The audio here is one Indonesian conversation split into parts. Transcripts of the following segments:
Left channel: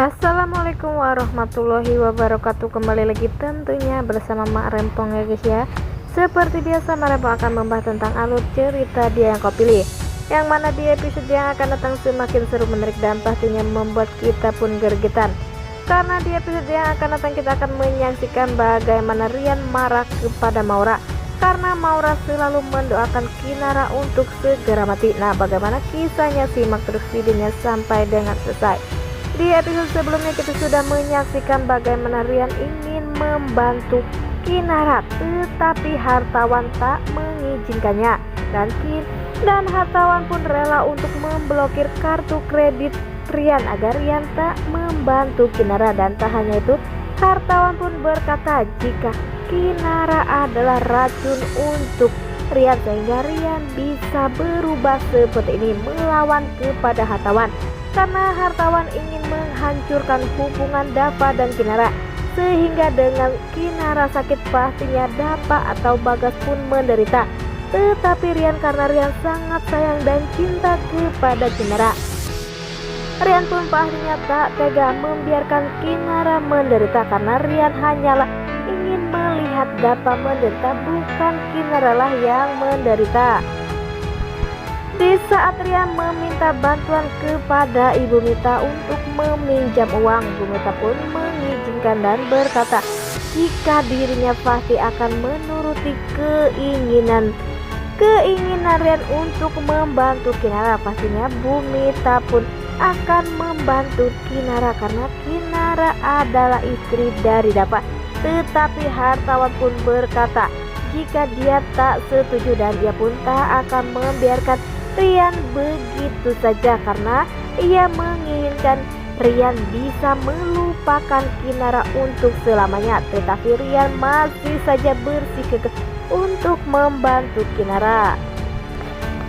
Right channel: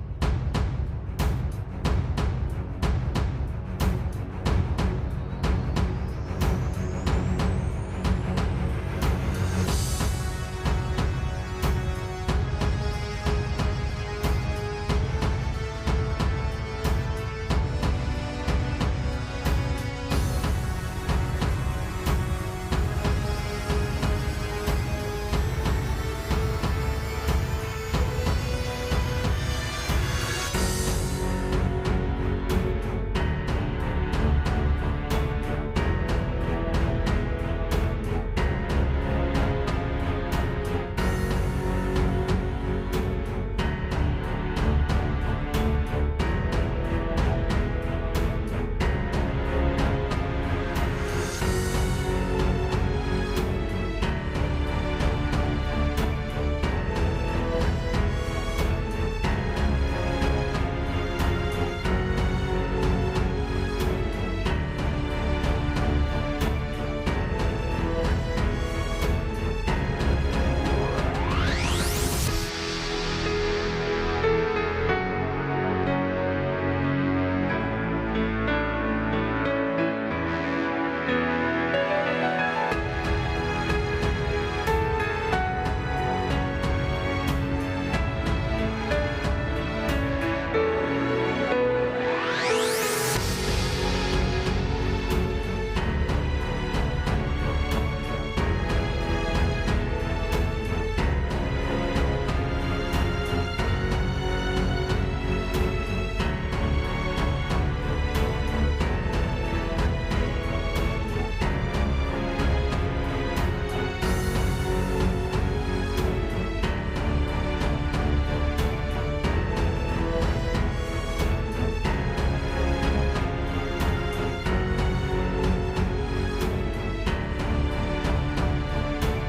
Assalamualaikum warahmatullahi wabarakatuh. Kembali lagi tentunya bersama Mak Rempong ya guys ya. Seperti biasa Mak Rempong akan membahas tentang alur cerita Dia Yang Kau Pilih, yang mana di episode yang akan datang semakin seru, menarik, dan pastinya membuat kita pun gergetan. Karena di episode yang akan datang kita akan menyaksikan bagaimana Rian marah kepada Maura karena Maura selalu mendoakan Kinara untuk segera mati. Nah, bagaimana kisahnya, simak terus videonya sampai dengan selesai. Di episode sebelumnya kita sudah menyaksikan bagaimana Rian ingin membantu Kinara, tetapi hartawan tak mengizinkannya, dan hartawan pun rela untuk memblokir kartu kredit Rian agar Rian tak membantu Kinara. Dan tak hanya itu, hartawan pun berkata jika Kinara adalah racun untuk Rian, sehingga Rian bisa berubah seperti ini melawan kepada hartawan, karena hartawan ingin menghancurkan hubungan Dava dan Kinara, sehingga dengan Kinara sakit pastinya Dava atau Bagas pun menderita. Tetapi Rian, karena Rian sangat sayang dan cinta kepada Kinara, Rian pun pastinya tak tega membiarkan Kinara menderita, karena Rian hanyalah ingin melihat Dava menderita, bukan Kinara lah yang menderita. Di saat Rian meminta bantuan kepada Ibu Mita untuk meminjam uang, Ibu Mita pun mengizinkan dan berkata jika dirinya pasti akan menuruti keinginan Rian untuk membantu Kinara. Pastinya Bu Mita pun akan membantu Kinara karena Kinara adalah istri dari Dava. Tetapi hartawan pun berkata jika dia tak setuju, dan dia pun tak akan membiarkan Rian begitu saja, karena ia menginginkan Rian bisa melupakan Kinara untuk selamanya. Tetapi Rian masih saja bersikeras untuk membantu Kinara.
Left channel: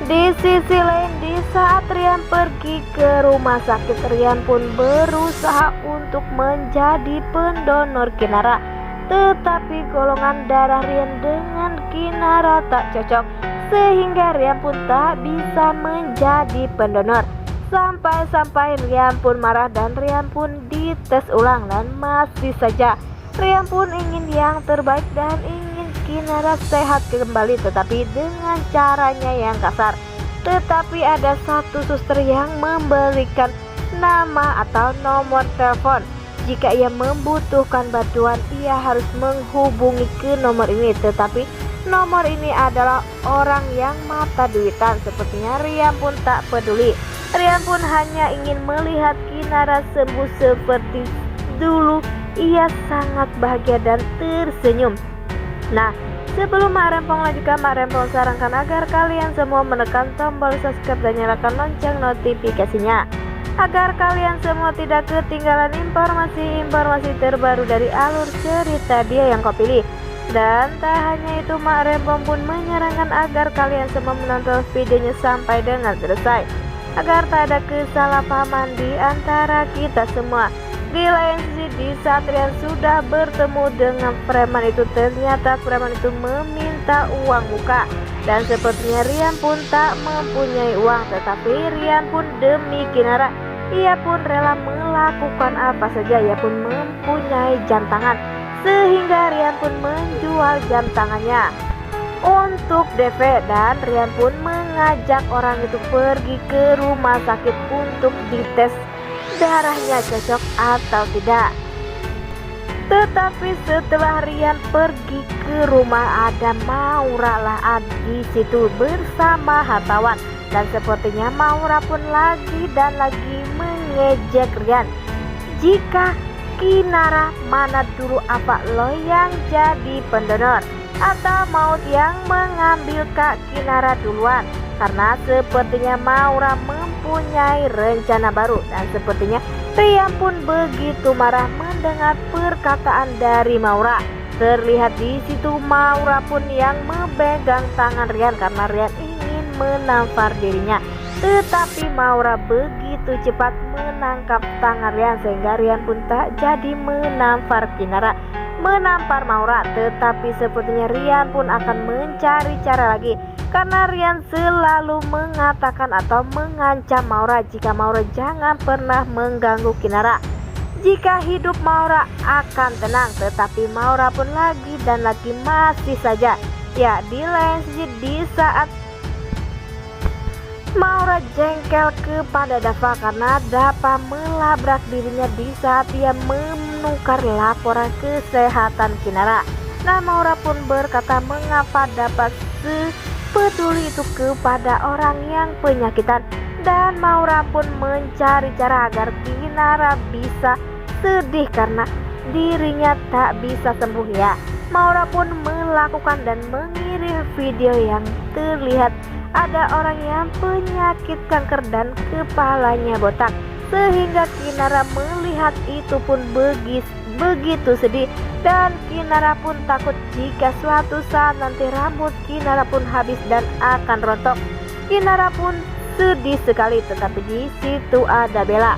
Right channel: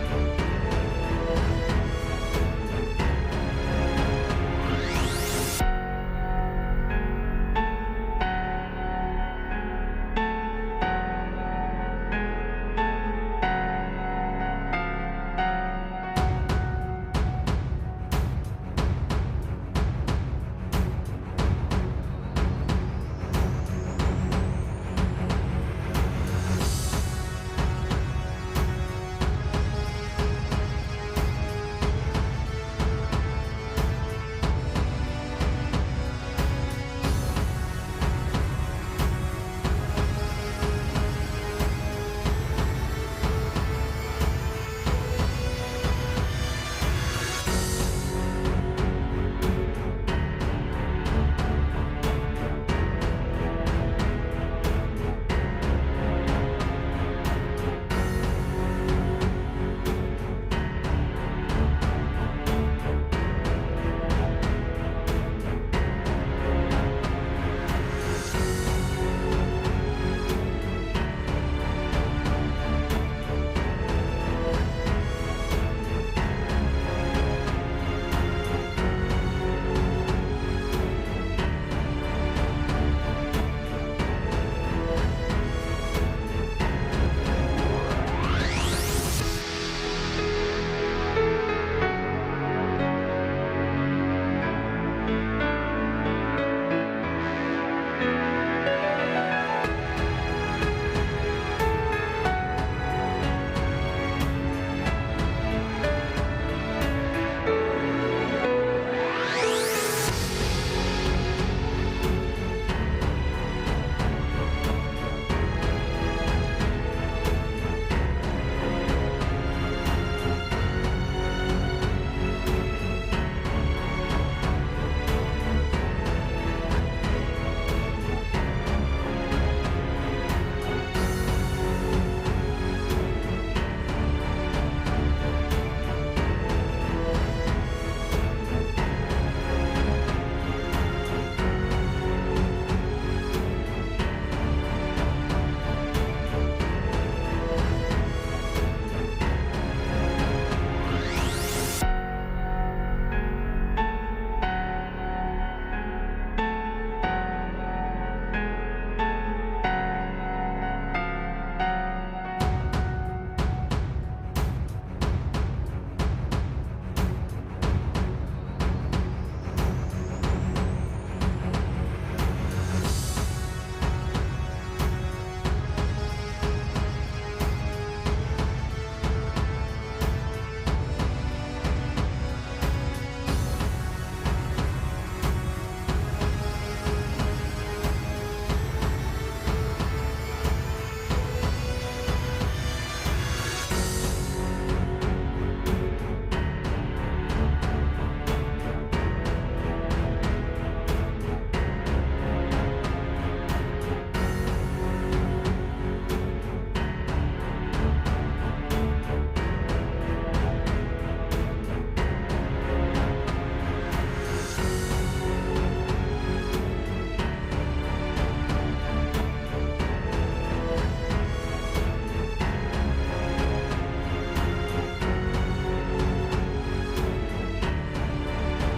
Di sisi lain, di saat Rian pergi ke rumah sakit, Rian pun berusaha untuk menjadi pendonor Kinara. Tetapi golongan darah Rian dengan Kinara tak cocok, sehingga Rian pun tak bisa menjadi pendonor. Sampai-sampai Rian pun marah dan Rian pun dites ulang, dan masih saja Rian pun ingin yang terbaik dan ingin Kinara sehat kembali, tetapi dengan caranya yang kasar. Tetapi ada satu suster yang memberikan nama atau nomor telepon. Jika ia membutuhkan bantuan, ia harus menghubungi ke nomor ini. Tetapi nomor ini adalah orang yang mata duitan. Sepertinya Rian pun tak peduli. Rian pun hanya ingin melihat Kinara sembuh seperti dulu. Ia sangat bahagia dan tersenyum. Nah, sebelum Mak Rempong lanjutkan, Mak Rempong sarankan agar kalian semua menekan tombol subscribe dan nyalakan lonceng notifikasinya, agar kalian semua tidak ketinggalan informasi-informasi terbaru dari alur cerita Dia Yang Kau Pilih. Dan tak hanya itu, Mak Rempong pun menyarankan agar kalian semua menonton videonya sampai dengan selesai, agar tak ada kesalahpahaman di antara kita semua. Di lain sisi, di saat Rian sudah bertemu dengan preman itu, ternyata preman itu meminta uang muka, dan sepertinya Rian pun tak mempunyai uang. Tetapi Rian pun demi Kinara, ia pun rela melakukan apa saja. Ia pun mempunyai jam tangan, sehingga Rian pun menjual jam tangannya untuk DP, dan Rian pun mengajak orang itu pergi ke rumah sakit untuk dites darahnya cocok atau tidak. Tetapi setelah Rian pergi ke rumah, ada Maura lah di situ bersama hartawan, dan sepertinya Maura pun lagi dan lagi mengejek Rian. Jika Kinara, mana dulu apa lo yang jadi pendonor, atau mau yang mengambil Kak Kinara duluan? Karena sepertinya Maura mempunyai rencana baru, dan sepertinya Rian pun begitu marah mendengar perkataan dari Maura. Terlihat di situ Maura pun yang memegang tangan Rian karena Rian ingin menampar dirinya. Tetapi Maura begitu cepat menangkap tangan Rian, sehingga Rian pun tak jadi menampar Maura. Tetapi sepertinya Rian pun akan mencari cara lagi, karena Rian selalu mengatakan atau mengancam Maura jika Maura jangan pernah mengganggu Kinara. jika hidup Maura akan tenang, tetapi Maura pun lagi dan lagi masih saja. Ya, di lain sisi di saat Maura jengkel kepada Dava karena Dava melabrak dirinya di saat ia menukar laporan kesehatan Kinara. Nah, Maura pun berkata mengapa Dava sepeduli itu kepada orang yang penyakitan, dan Maura pun mencari cara agar Kinara bisa sedih karena dirinya tak bisa sembuh. Ya, Maura pun melakukan dan mengirim video yang terlihat ada orang yang penyakit kanker dan kepalanya botak, sehingga Kinara melihat itu pun begitu sedih, dan Kinara pun takut jika suatu saat nanti rambut Kinara pun habis dan akan rontok. Kinara pun sedih sekali, tetapi di situ ada Bella.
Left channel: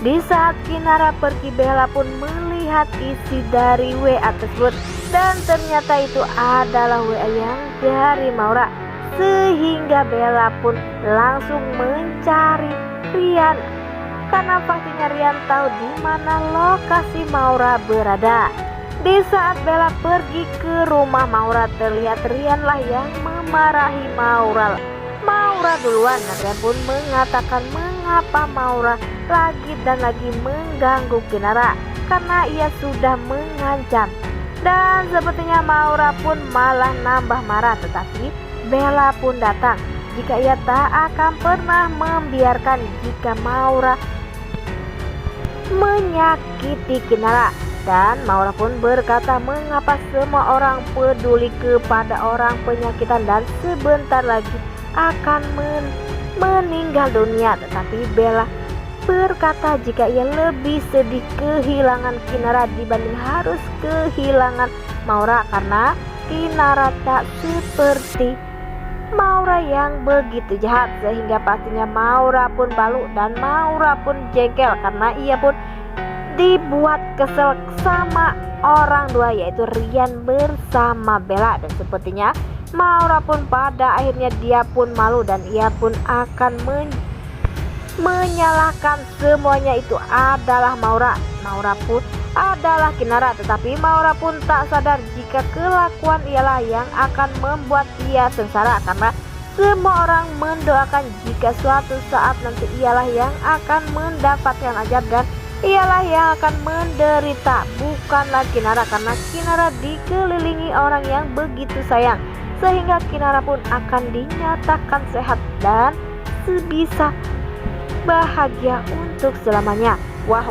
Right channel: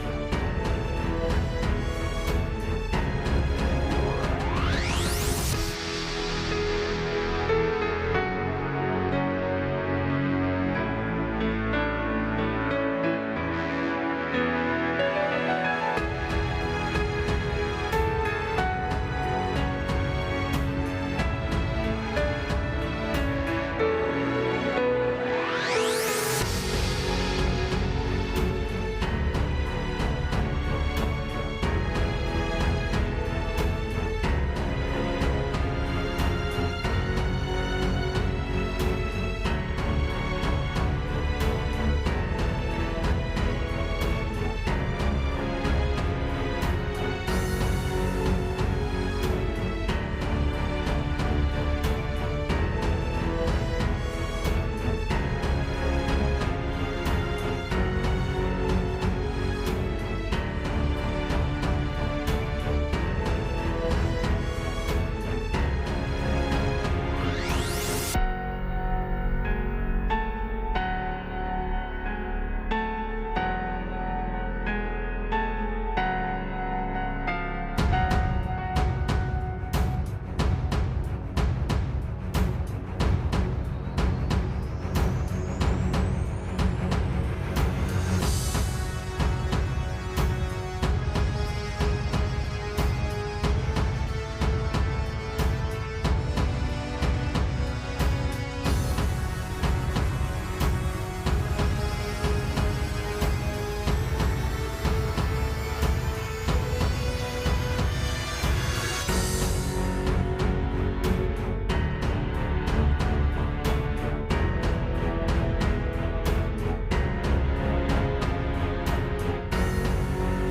Di saat Kinara pergi, Bella pun melihat isi dari WA tersebut, dan ternyata itu adalah WA yang dari Maura, sehingga Bella pun langsung mencari Rian karena pastinya Rian tahu di mana lokasi Maura berada. Di saat Bella pergi ke rumah Maura, terlihat Rian lah yang memarahi Maura. Maura duluan, Rian pun mengatakan mengapa Maura lagi dan lagi mengganggu Kinara karena ia sudah mengancam, dan sepertinya Maura pun malah nambah marah, tetapi Bella pun datang jika ia tak akan pernah membiarkan jika Maura menyakiti Kinara. Dan Maura pun berkata mengapa semua orang peduli kepada orang penyakitan dan sebentar lagi akan meninggal dunia, tetapi Bella berkata jika ia lebih sedih kehilangan Kinara dibanding harus kehilangan Maura karena Kinara tak seperti Maura yang begitu jahat, sehingga pastinya Maura pun malu dan Maura pun jengkel karena ia pun dibuat kesel sama orang dua, yaitu Rian bersama Bella, dan sepertinya Maura pun pada akhirnya dia pun malu dan ia pun akan menyalahkan semuanya itu adalah Maura. Maura pun adalah Kinara, tetapi Maura pun tak sadar jika kelakuan ialah yang akan membuat ia sengsara karena semua orang mendoakan jika suatu saat nanti ialah yang akan mendapatkan azab dan ialah yang akan menderita, bukanlah Kinara, karena Kinara dikelilingi orang yang begitu sayang, sehingga Kinara pun akan dinyatakan sehat dan sebisa bahagia untuk selamanya. Wah,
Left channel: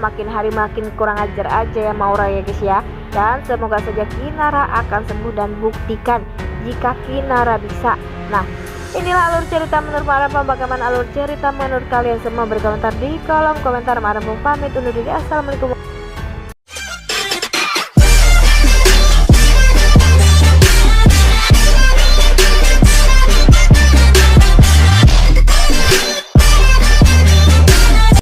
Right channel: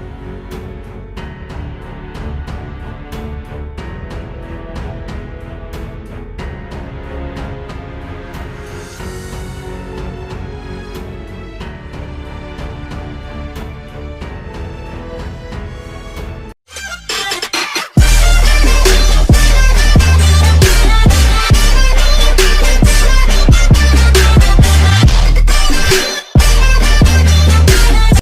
makin hari makin kurang ajar aja ya Maura ya guys ya. Dan semoga saja Kinara akan sembuh dan buktikan jika Kinara bisa. Nah, inilah alur cerita menurut para bagaimana alur cerita menurut kalian semua? Berkomentar di kolom komentar. Pamit undur diri. Assalamualaikum.